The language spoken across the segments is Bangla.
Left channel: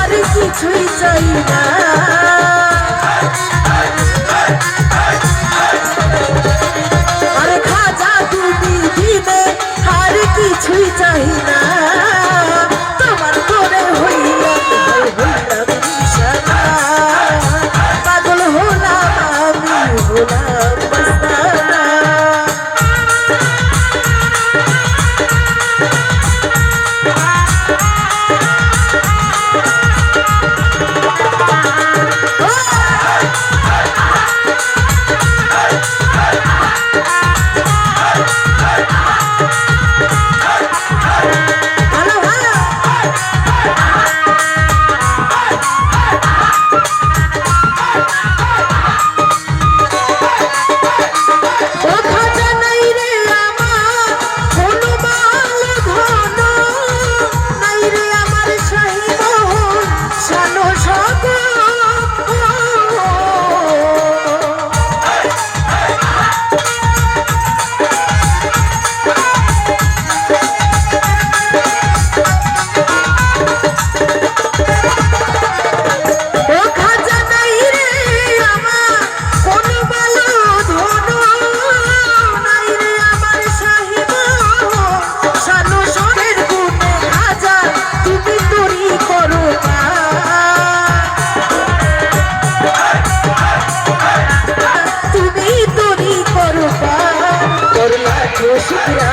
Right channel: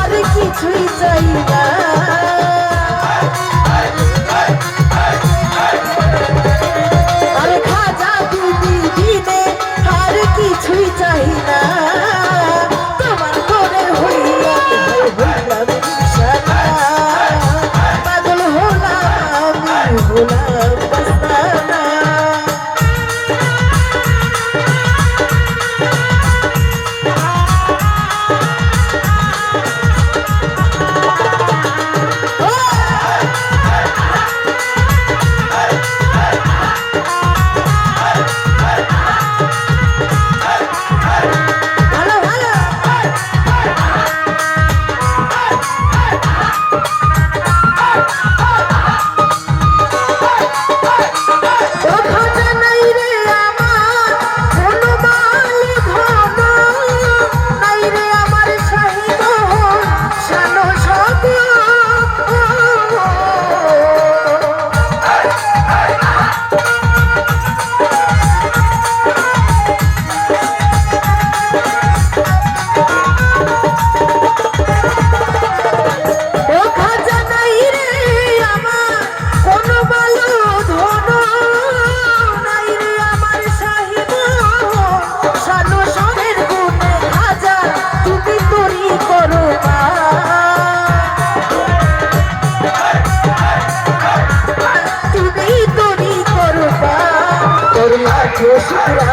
আর কিছুই চাই না। Dios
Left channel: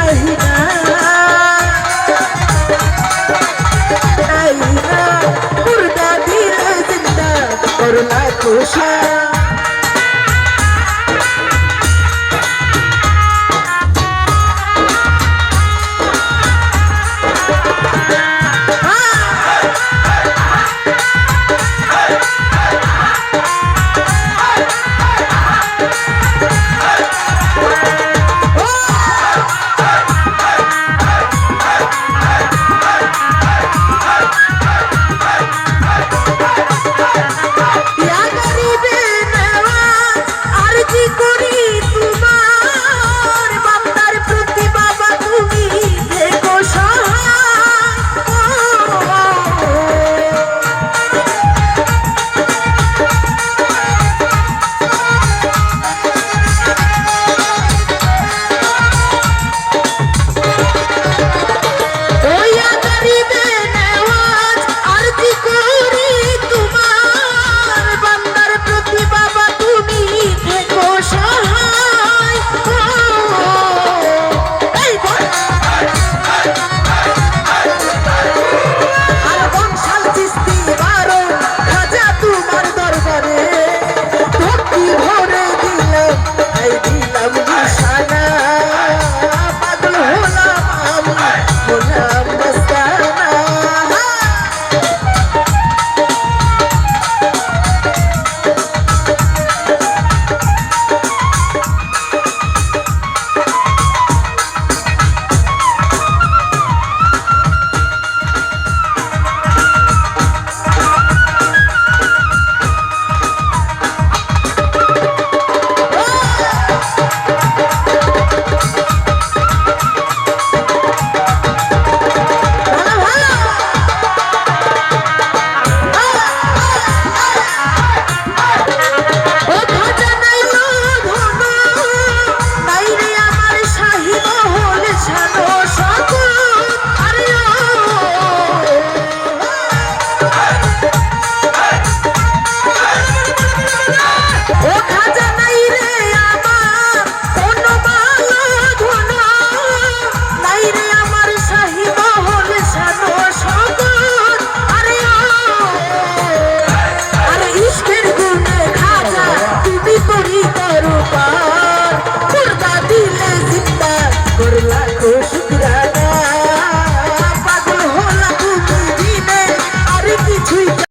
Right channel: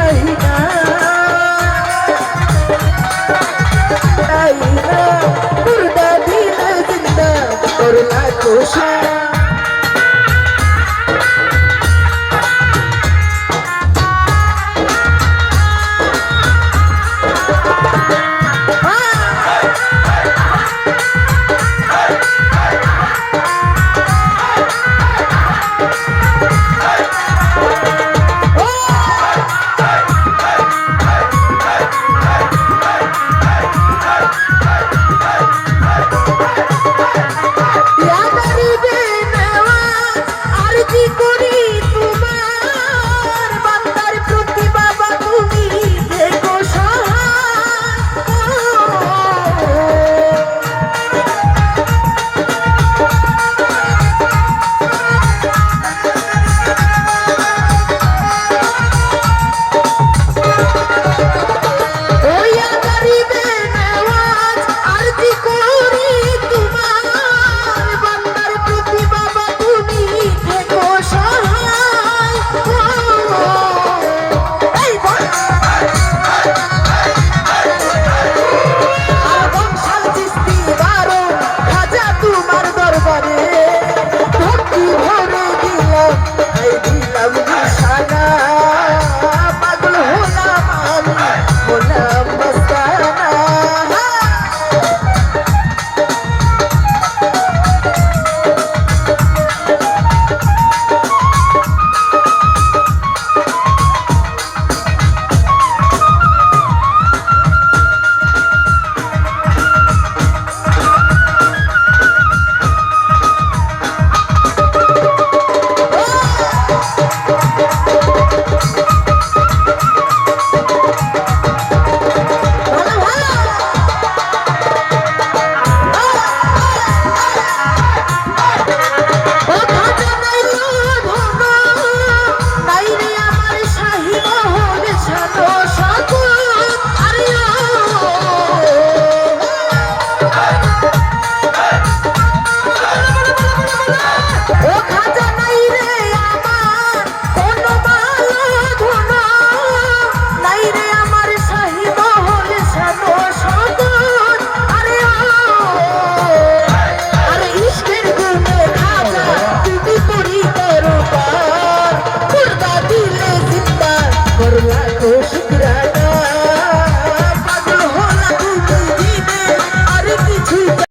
কিছুই চাই